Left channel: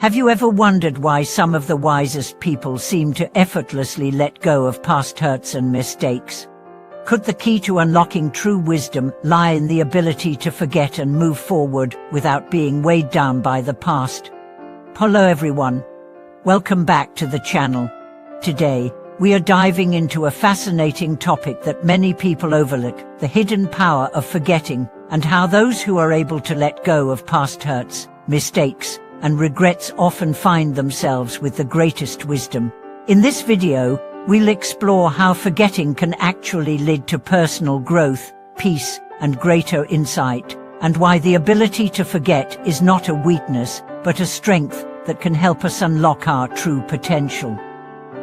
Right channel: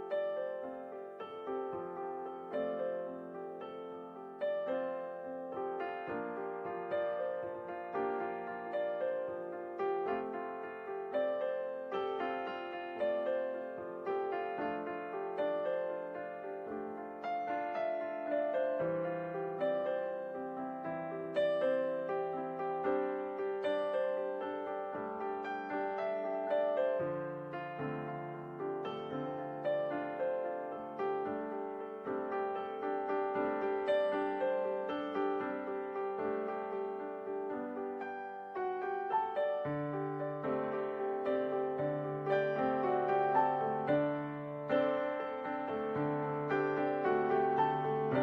Have you ever wondered why some of the wisest people seem to effortlessly let go of past hurts and mistakes? Could the key to unlocking true wisdom lie in the ability to forget and move forward without being weighed down by the past? Hello everyone. Welcome back to the channel. Today, we are diving into a fascinating topic that many people overlook, the hidden power of forgetting, and how those who are able to let go of past hurts, mistakes, and regrets often find themselves with the greatest wisdom. In this video, we'll explore how forgetting can actually lead to personal growth, peace, and greater insight, and why the ability to forget is not a weakness, but a strength that can help us unlock our true potential.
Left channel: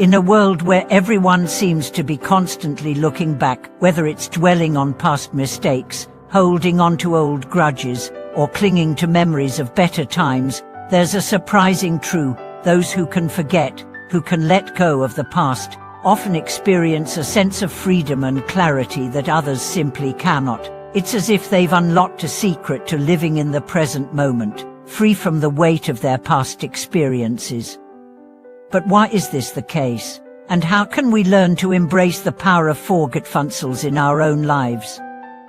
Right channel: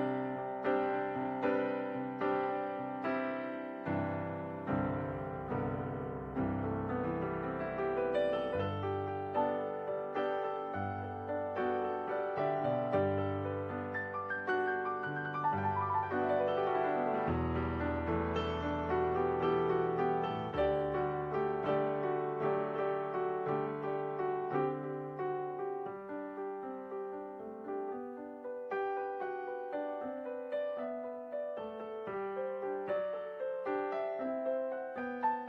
In a world where everyone seems to be constantly looking back, whether it's dwelling on past mistakes, holding on to old grudges, or clinging to memories of better times, there's a surprising truth: those who can forget, who can let go of the past, often experience a sense of freedom and clarity that others simply cannot. It's as if they've unlocked a secret to living in the present moment, free from the weight of their past experiences. But why is this the case? And how can we learn to embrace the power of forgetful in our own lives?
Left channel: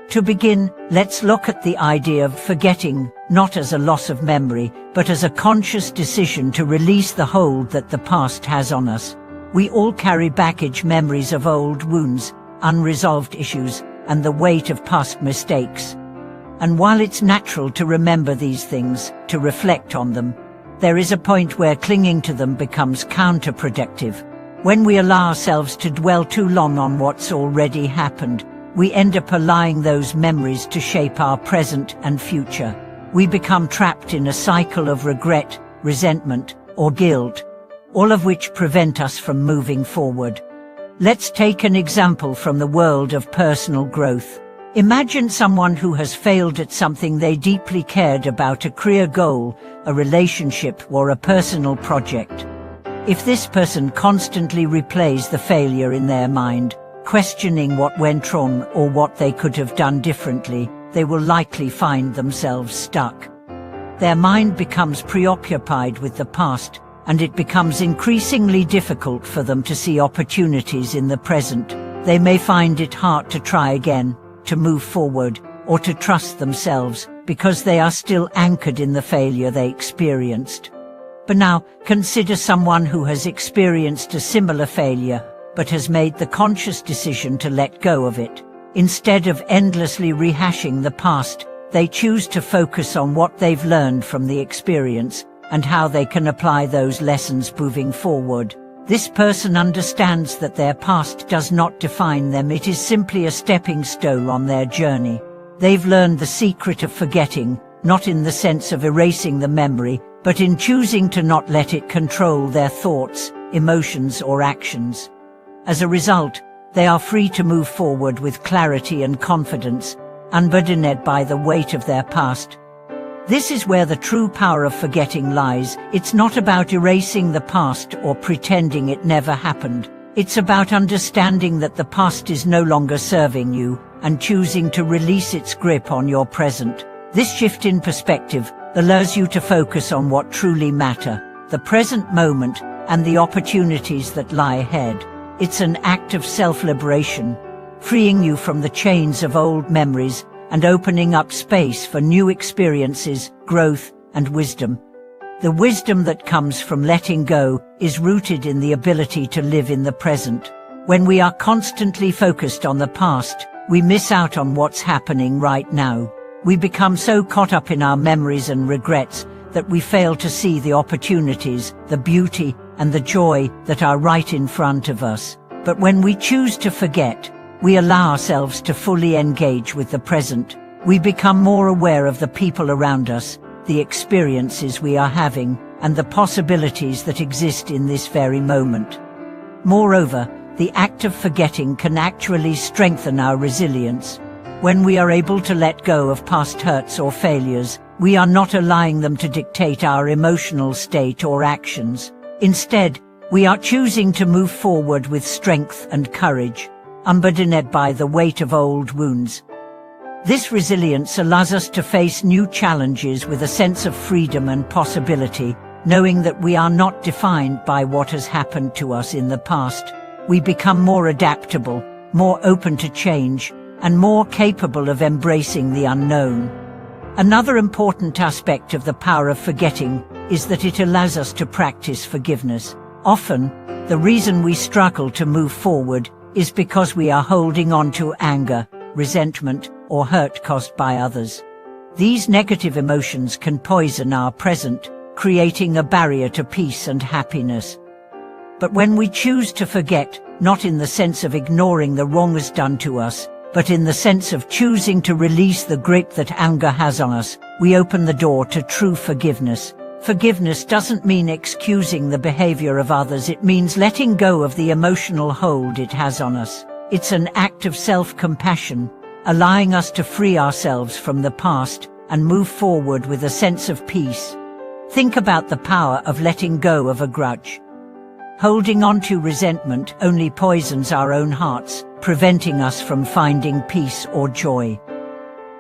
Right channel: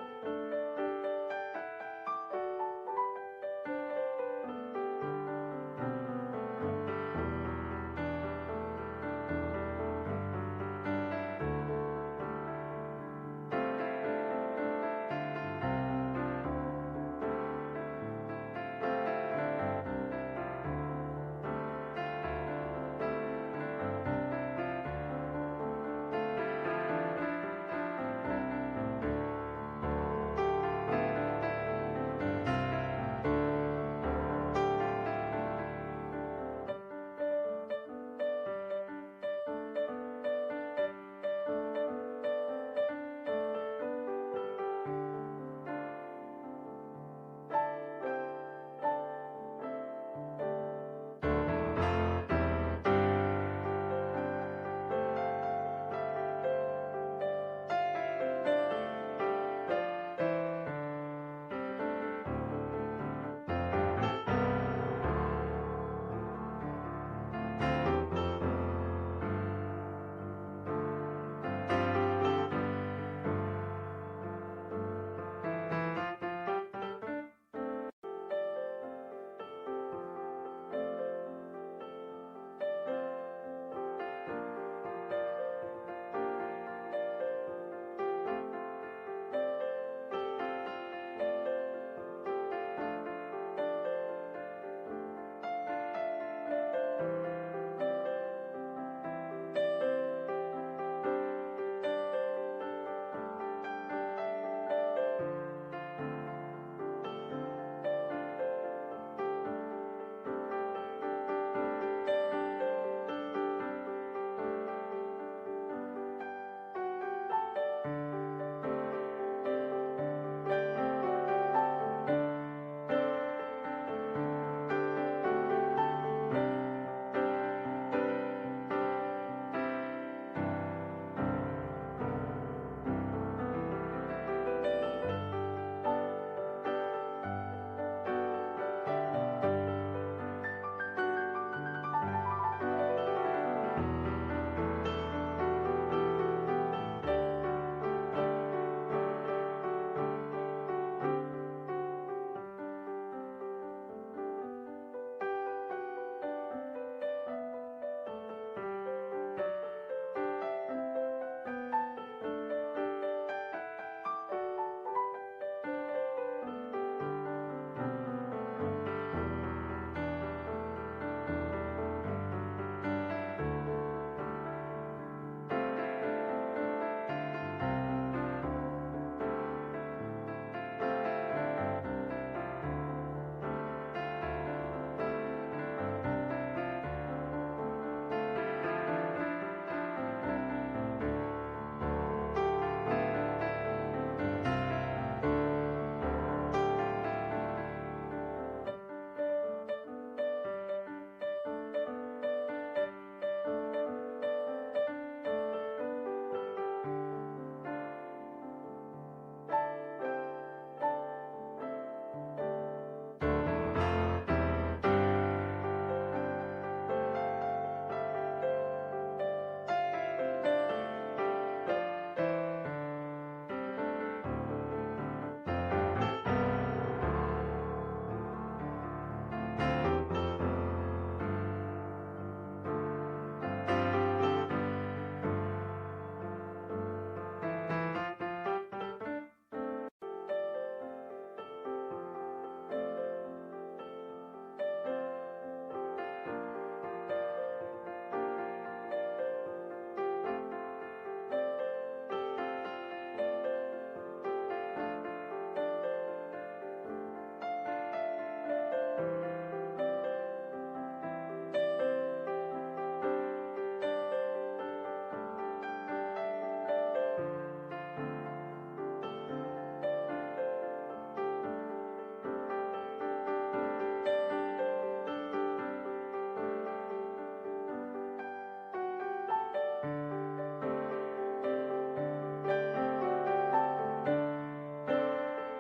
To begin, let's look at the idea of forgetting, not as a loss of memory, but as a conscious decision to release the hold that the past has on us. We all carry baggage, memories of old wounds, unresolved issues, and the weight of past mistakes. And while it's natural to remember these things, to reflect on them, there is a point where clinging to them becomes counterproductive. When we allow ourselves to dwell too long on what's already happened, we end up allowing those memories to shape our present and future. We become trapped in a cycle of regret, resentment, or guilt, all of which prevent us from moving forward. Let's take an example from the world of personal growth. Imagine someone who has failed at something they deeply cared about: a career goal, a relationship, or a personal project. If this person constantly replays the failure in their mind, questioning what went wrong or what they could have done differently, they will likely find themselves stuck. Their mind becomes preoccupied with the past, and it becomes increasingly difficult for them to see opportunities in the present. They may find it hard to try again, to move forward, or to trust themselves, because they are still anchored in the failure they experienced. But now, consider someone who has experienced a similar failure, but has made the conscious decision to let go of it. Instead of endlessly rehashing the past, they choose to focus on what they've learned from the experience and how they can apply those lessons moving forward. This person understands that their past does not define them; it is simply a stepping stone on their journey. They've learned the secret of forgetting, not in the sense of erasing the memory, but in choosing to not let it control their thoughts, emotions, or actions. As a result, they are free to move forward with clarity and confidence, unburdened by the weight of their past. This is where the true power of forgetting lies. It's not about erasing the past or pretending it never happened. It's about understanding that the past is no longer serving you and choosing to release its grip on your present. This shift in perspective allows you to focus on what truly matters, the present moment, and the opportunities that lie ahead. It's an act of self-liberation, freeing you from the chains of old memories and opening up space for new experiences, growth, and wisdom. The wisdom that comes from letting go is rooted in the ability to live in the present. When we are constantly focused on the past, we miss out on what's happening right now. We become so caught up in our memories and regrets that we fail to see the opportunities, the beauty, and the joy that are right in front of us. But when we choose to forget, we allow ourselves to fully engage with the present. We become more aware of the people around us, the experiences we are having, and the possibilities that exist in this very moment. Moreover, the act of forgetting can actually strengthen our resilience. When we are able to let go of past hurts or failures, we are not allowing them to dictate our emotional state or actions. Instead, we are choosing to move forward with strength and courage, unburdened by the weight of old wounds. This resilience allows us to face new challenges with a sense of freedom and possibility, knowing that we are not defined by what has happened to us in the past. We become more adaptable, more open to change, and more capable of embracing the unknown. Another important aspect of the power of forgetting is that it allows us to practice forgiveness. Often, the reason we struggle to move forward is because we are holding on to anger, resentment, or hurt caused by others. These negative emotions can poison our present, creating a barrier to peace and happiness. But when we choose to forget, not in the sense of ignoring the wrongs done to us, but in the sense of choosing to release the grip that anger has on us, we open the door to true forgiveness. Forgiveness doesn't mean excusing the behavior of others, it means letting go of the emotional hold it has on us. It's an act of self-compassion, allowing us to free ourselves from the past and move forward with a sense of peace. Think about the power of letting go of a grudge. Holding on to resentment only poisons our own hearts, preventing us from finding peace or joy.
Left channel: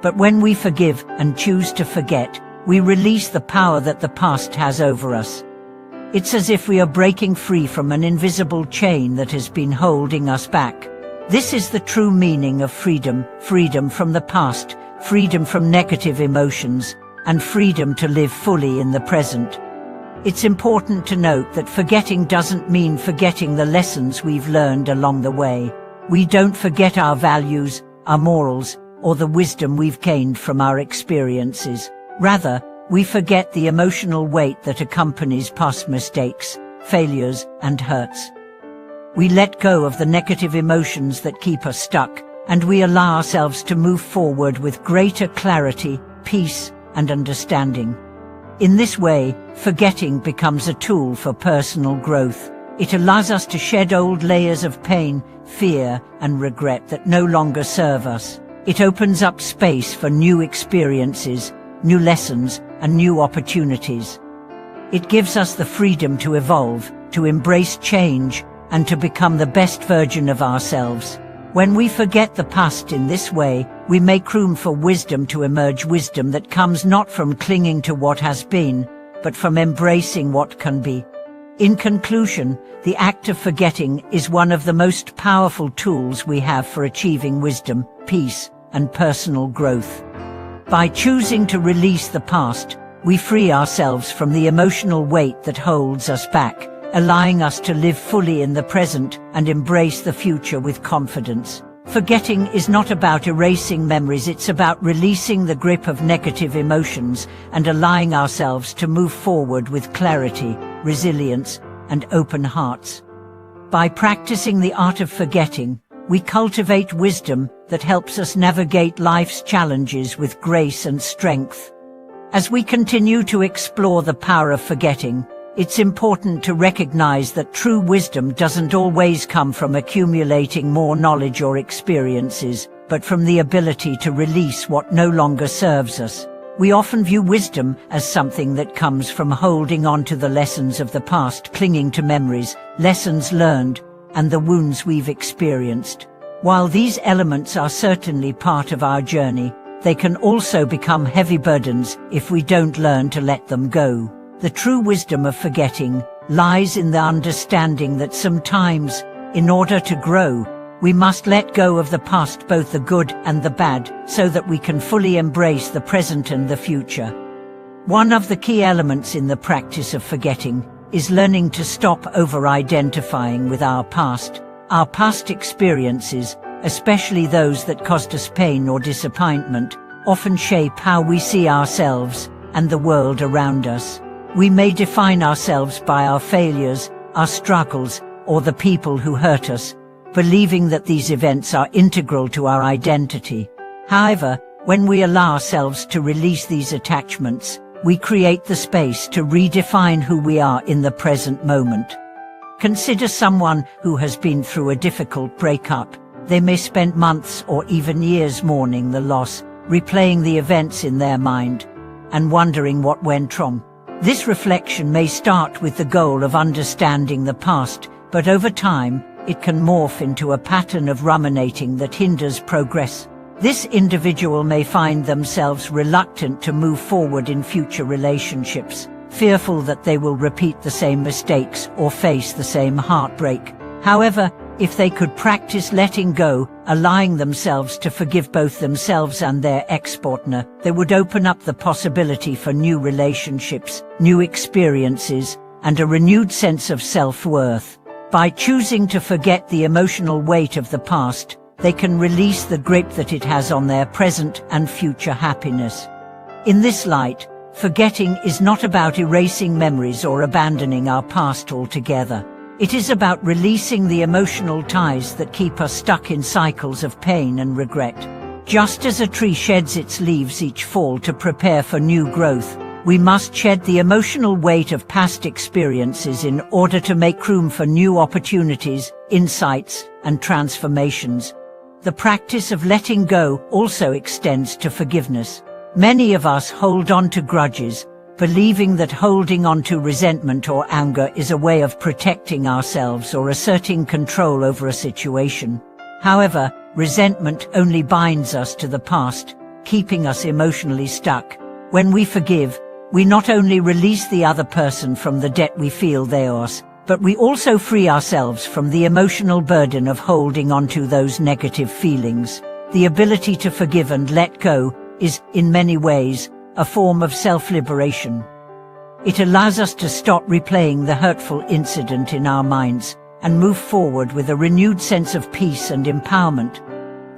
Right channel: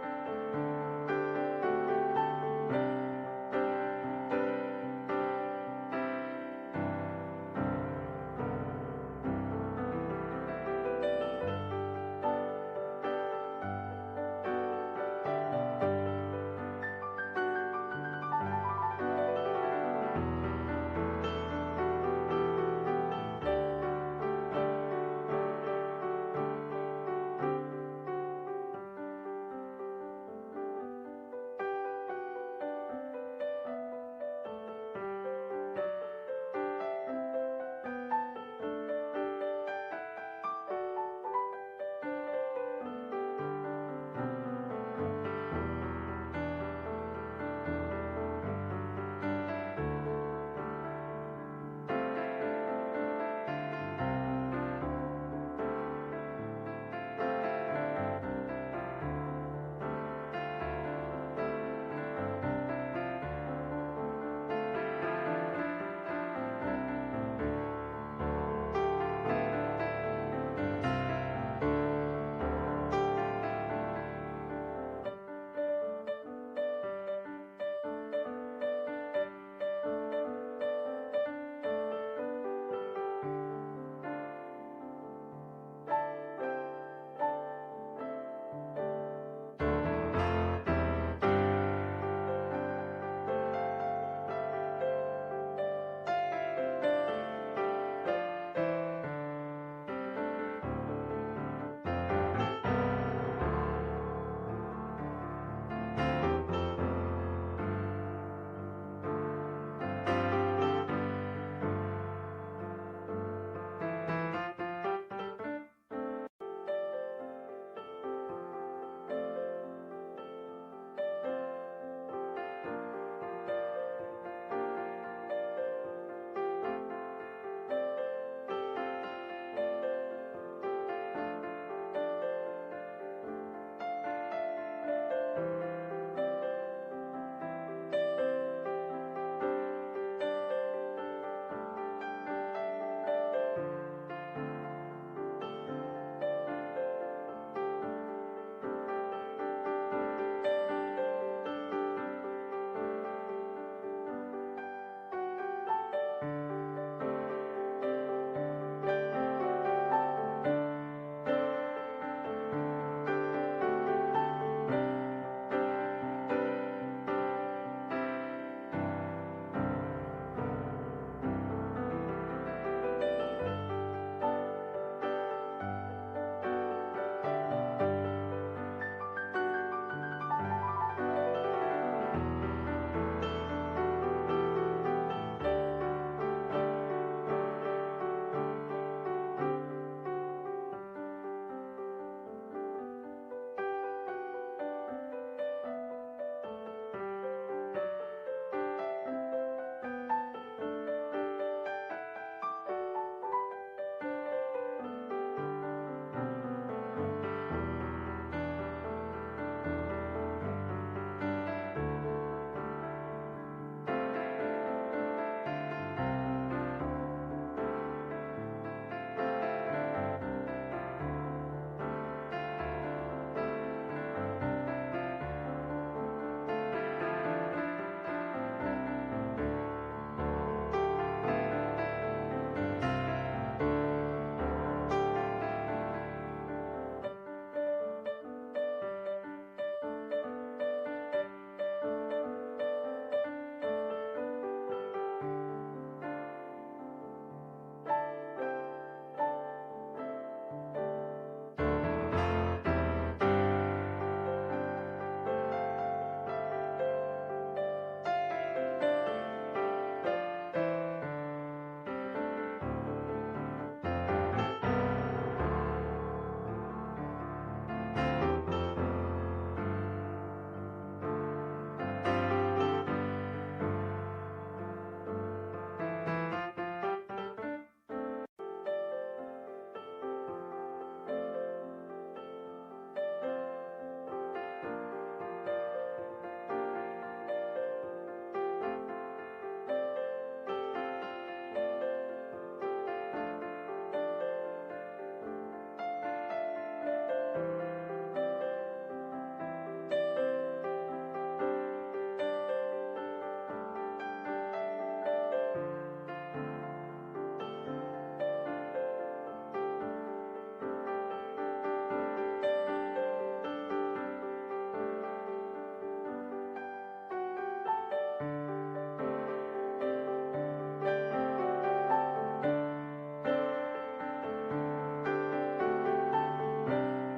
But when we forgive and choose to forget, we release the power that the past has over us. It's as if we are breaking free from an invisible chain that has been holding us back. This is the true meaning of freedom: freedom from the past, freedom from negative emotions, and freedom to live fully in the present. It's important to note that forgetting doesn't mean forgetting the lessons we've learned along the way. We don't forget our values, our morals, or the wisdom we've gained from our experiences. Rather, we forget the emotional weight that accompanies past mistakes, failures, and hurts. We let go of the negative emotions that keep us stuck, and we allow ourselves to move forward with greater clarity, peace, and understanding. In this way, forgetting becomes a tool for personal growth. It allows us to shed old layers of pain, fear, and regret that no longer serve us. It opens up space for new experiences, new lessons, and new opportunities. It gives us the freedom to evolve, to embrace change, and to become the best version of ourselves. When we forget the past in this way, we make room for wisdom to emerge, wisdom that comes not from clinging to what has been, but from embracing what can be. In conclusion, the act of forgetting is one of the most powerful tools we have for achieving wisdom, peace, and personal growth. By choosing to release the past, we free ourselves from the emotional weight that holds us back, allowing us to live fully in the present and embrace the future with confidence. Forgetting is not about erasing memories, it's about releasing the grip of negative emotions and allowing ourselves to move forward with clarity, resilience, and open hearts. By practicing the art of forgetting, we cultivate wisdom that helps us navigate life's challenges with grace and strength. As we continue to explore the power of forgetting, it's important to recognize that true wisdom doesn't always come from accumulating more knowledge or experiences, but from the ability to release what no longer serves us. We often view wisdom as something that comes from holding on to the lessons of the past, clinging to memories, lessons learned, and the wounds we've experienced. While these elements are certainly part of our journey, they can also become heavy burdens if we don't learn to let them go. The true wisdom of forgetting lies in the understanding that sometimes, in order to grow, we must let go of the past, both the good and the bad, so that we can fully embrace the present and the future. One of the key elements in the practice of forgetting is learning to stop over-identifying with our past. Our past experiences, especially those that caused us pain or disappointment, often shape how we see ourselves and the world around us. We may define ourselves by our failures, our struggles, or the people who hurt us, believing that these events are integral to our identity. However, when we allow ourselves to release these attachments, we create the space to redefine who we are in the present moment. Consider someone who has been through a difficult breakup. They may spend months or even years mourning the loss, replaying the events in their mind, and wondering what went wrong. This reflection may start with the goal of understanding the past, but over time, it can morph into a pattern of ruminating that hinders progress. This individual may find themselves reluctant to move forward in future relationships, fearful that they will repeat the same mistakes or face the same heartbreak. However, if they could practice letting go, allowing themselves to forgive both themselves and their ex-partner, they would open up the possibility for new relationships, new experiences, and a renewed sense of self-worth. By choosing to forget the emotional weight of the past, they can release the grip that it has on their present and future happiness. In this light, forgetting is not about erasing memories or abandoning our past altogether. It is about releasing the emotional ties that keep us stuck in cycles of pain and regret. Just as a tree sheds its leaves each fall to prepare for new growth, we must shed the emotional weight of past experiences in order to make room for new opportunities, insights, and transformations. The practice of letting go also extends to forgiveness. Many of us hold on to grudges, believing that holding on to resentment or anger is a way of protecting ourselves or asserting control over a situation. However, resentment only binds us to the past, keeping us emotionally stuck. When we forgive, we not only release the other person from the debt we feel they owe us, but we also free ourselves from the emotional burden of holding on to those negative feelings. The ability to forgive and let go is, in many ways, a form of self-liberation. It allows us to stop replaying the hurtful incident in our minds and move forward with a renewed sense of peace and empowerment.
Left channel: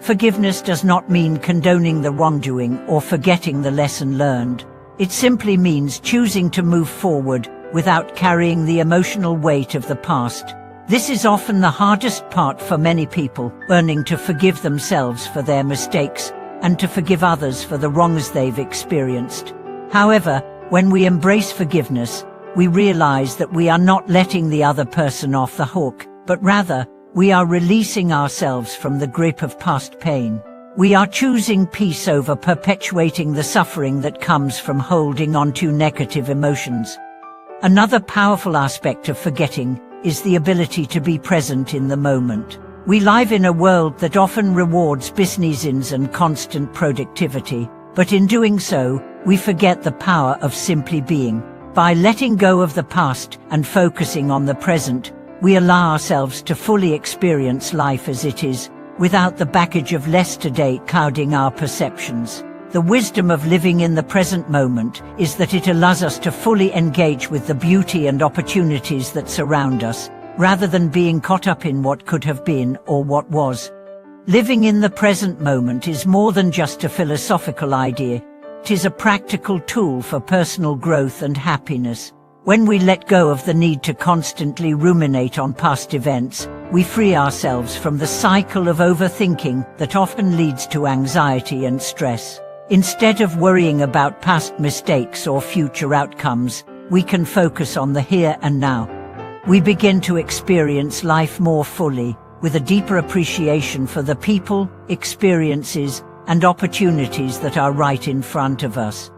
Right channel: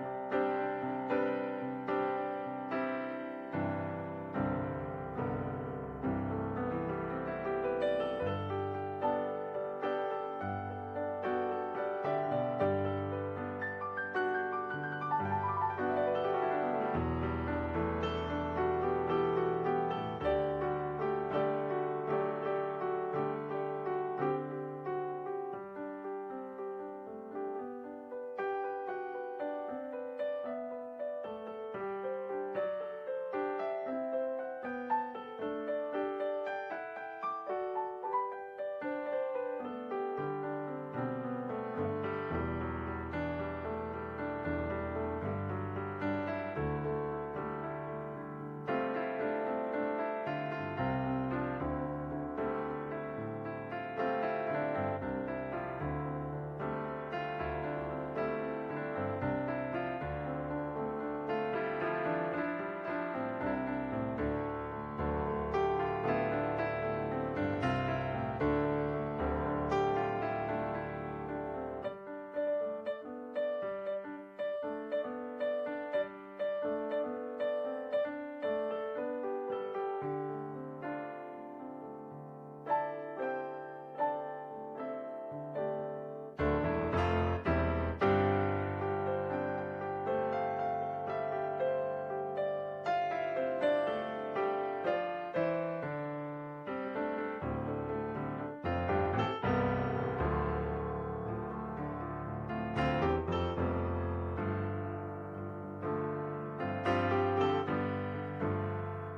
Forgiveness does not mean condoning the wrongdoing or forgetting the lesson learned. It simply means choosing to move forward without carrying the emotional weight of the past. This is often the hardest part for many people, learning to forgive themselves for their mistakes and to forgive others for the wrongs they've experienced. However, when we embrace forgiveness, we realize that we are not letting the other person off the hook, but rather, we are releasing ourselves from the grip of past pain. We are choosing peace over perpetuating the suffering that comes from holding on to negative emotions. Another powerful aspect of forgetting is the ability to be present in the moment. We live in a world that often rewards business and constant productivity, but in doing so, we forget the power of simply being. By letting go of the past and focusing on the present, we allow ourselves to fully experience life as it is, without the baggage of yesterday clouding our perceptions. The wisdom of living in the present moment is that it allows us to fully engage with the beauty and opportunities that surround us, rather than being caught up in what could have been or what was. Living in the present moment is more than just a philosophical idea. It is a practical tool for personal growth and happiness. When we let go of the need to constantly ruminate on past events, we free ourselves from the cycle of overthinking that often leads to anxiety and stress. Instead of worrying about past mistakes or future outcomes, we can focus on the here and now. We begin to experience life more fully, with a deeper appreciation for the people, experiences, and opportunities that are right in front of us.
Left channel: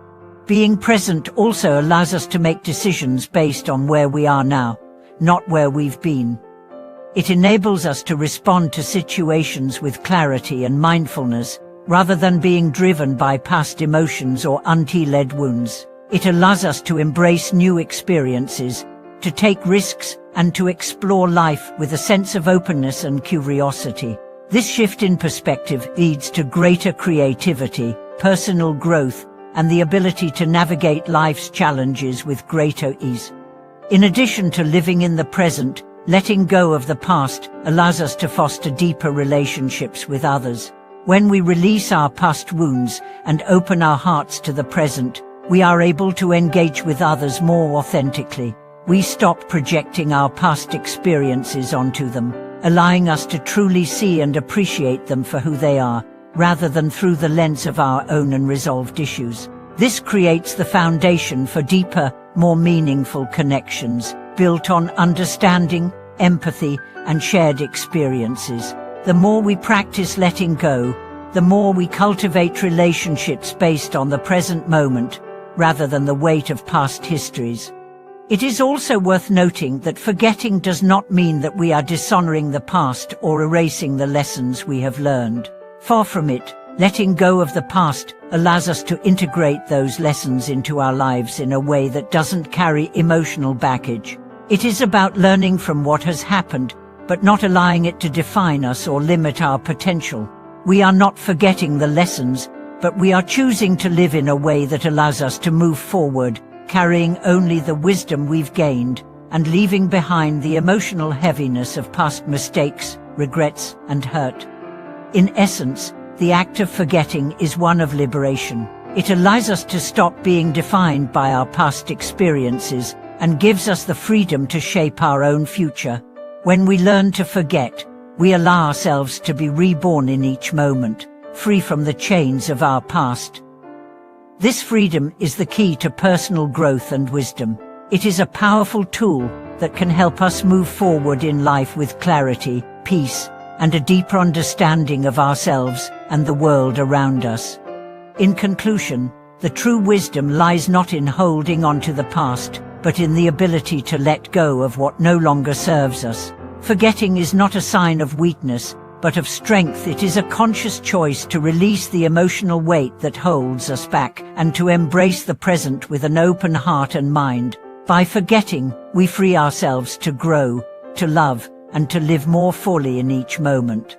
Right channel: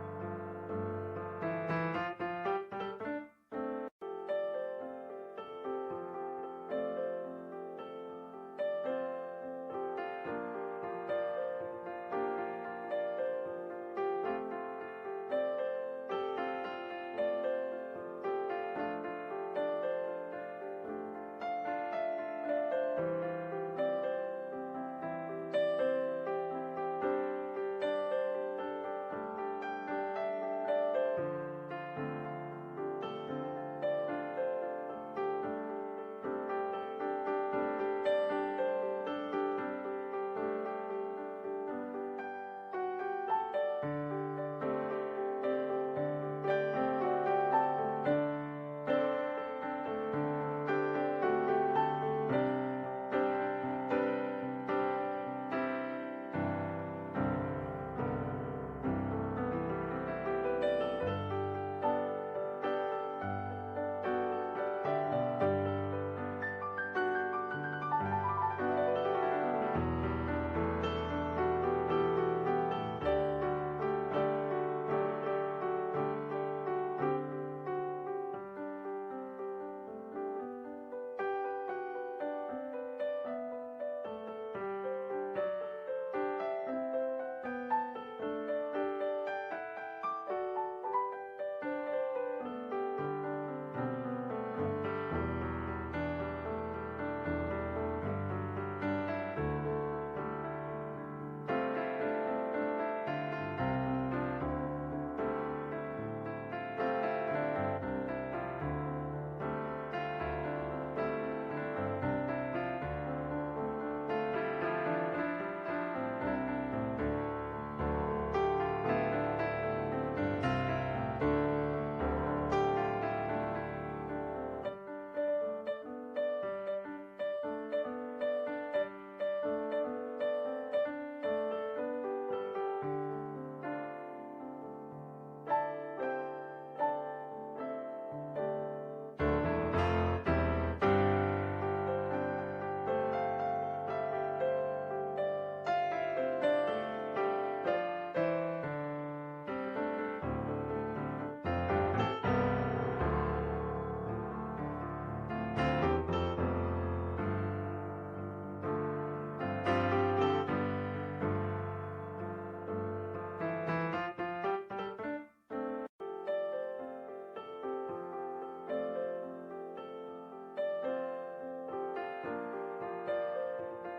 Being present also allows us to make decisions based on where we are now, not where we've been. It enables us to respond to situations with clarity and mindfulness, rather than being driven by past emotions or unhealed wounds. It allows us to embrace new experiences, to take risks, and to explore life with a sense of openness and curiosity. This shift in perspective leads to greater creativity, personal growth, and the ability to navigate life's challenges with greater ease. In addition to living in the present, letting go of the past allows us to foster deeper relationships with others. When we release our past wounds and open our hearts to the present, we are able to engage with others more authentically. We stop projecting our past experiences onto them, allowing us to truly see and appreciate them for who they are, rather than through the lens of our own unresolved issues. This creates the foundation for deeper, more meaningful connections, built on understanding, empathy, and shared experiences. The more we practice letting go, the more we cultivate relationships based on the present moment, rather than the weight of past histories. It is also worth noting that forgetting does not mean that we are dishonoring the past or erasing the lessons we have learned. Far from it, Letting go of the past allows us to integrate those lessons into our lives in a way that doesn't carry emotional baggage. It is about learning from what has happened, but not allowing it to define us or limit our potential. We are not forgetting the lessons, but we are choosing to live in a way that allows us to move forward, carrying only the wisdom we've gained, and leaving behind the emotional heaviness of past mistakes, regrets, and hurt. In essence, the act of forgetting is one of liberation. It allows us to stop being defined by our past experiences and gives us the freedom to shape our own future. When we learn to forget, we allow ourselves to be reborn in each moment, free from the chains of our past. This freedom is the key to personal growth and wisdom. It is a powerful tool that can help us move forward in life with clarity, peace, and a deeper understanding of ourselves and the world around us. In conclusion, the true wisdom lies not in holding on to the past, but in the ability to let go of what no longer serves us. Forgetting is not a sign of weakness, but of strength. It is a conscious choice to release the emotional weight that holds us back and to embrace the present with an open heart and mind. By forgetting, we free ourselves to grow, to love, and to live more fully in each moment.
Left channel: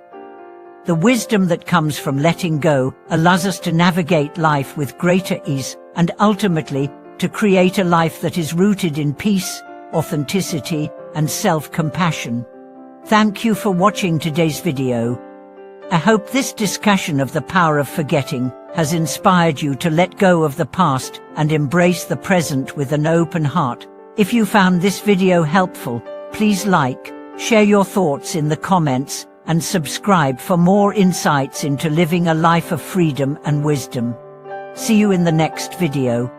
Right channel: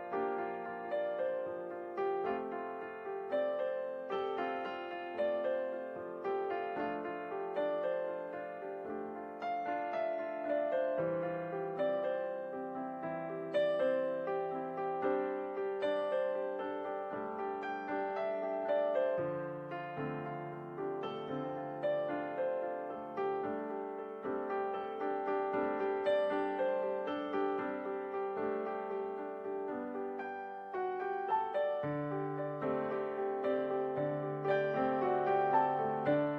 The wisdom that comes from letting go allows us to navigate life with greater ease and ultimately to create a life that is rooted in peace, authenticity, and self-compassion. Thank you for watching today's video. I hope this discussion of the power of forgetting has inspired you to let go of the past and embrace the present with an open heart. If you found this video helpful, please like, share your thoughts in the comments, and subscribe for more insights into living a life of freedom and wisdom. See you in the next video.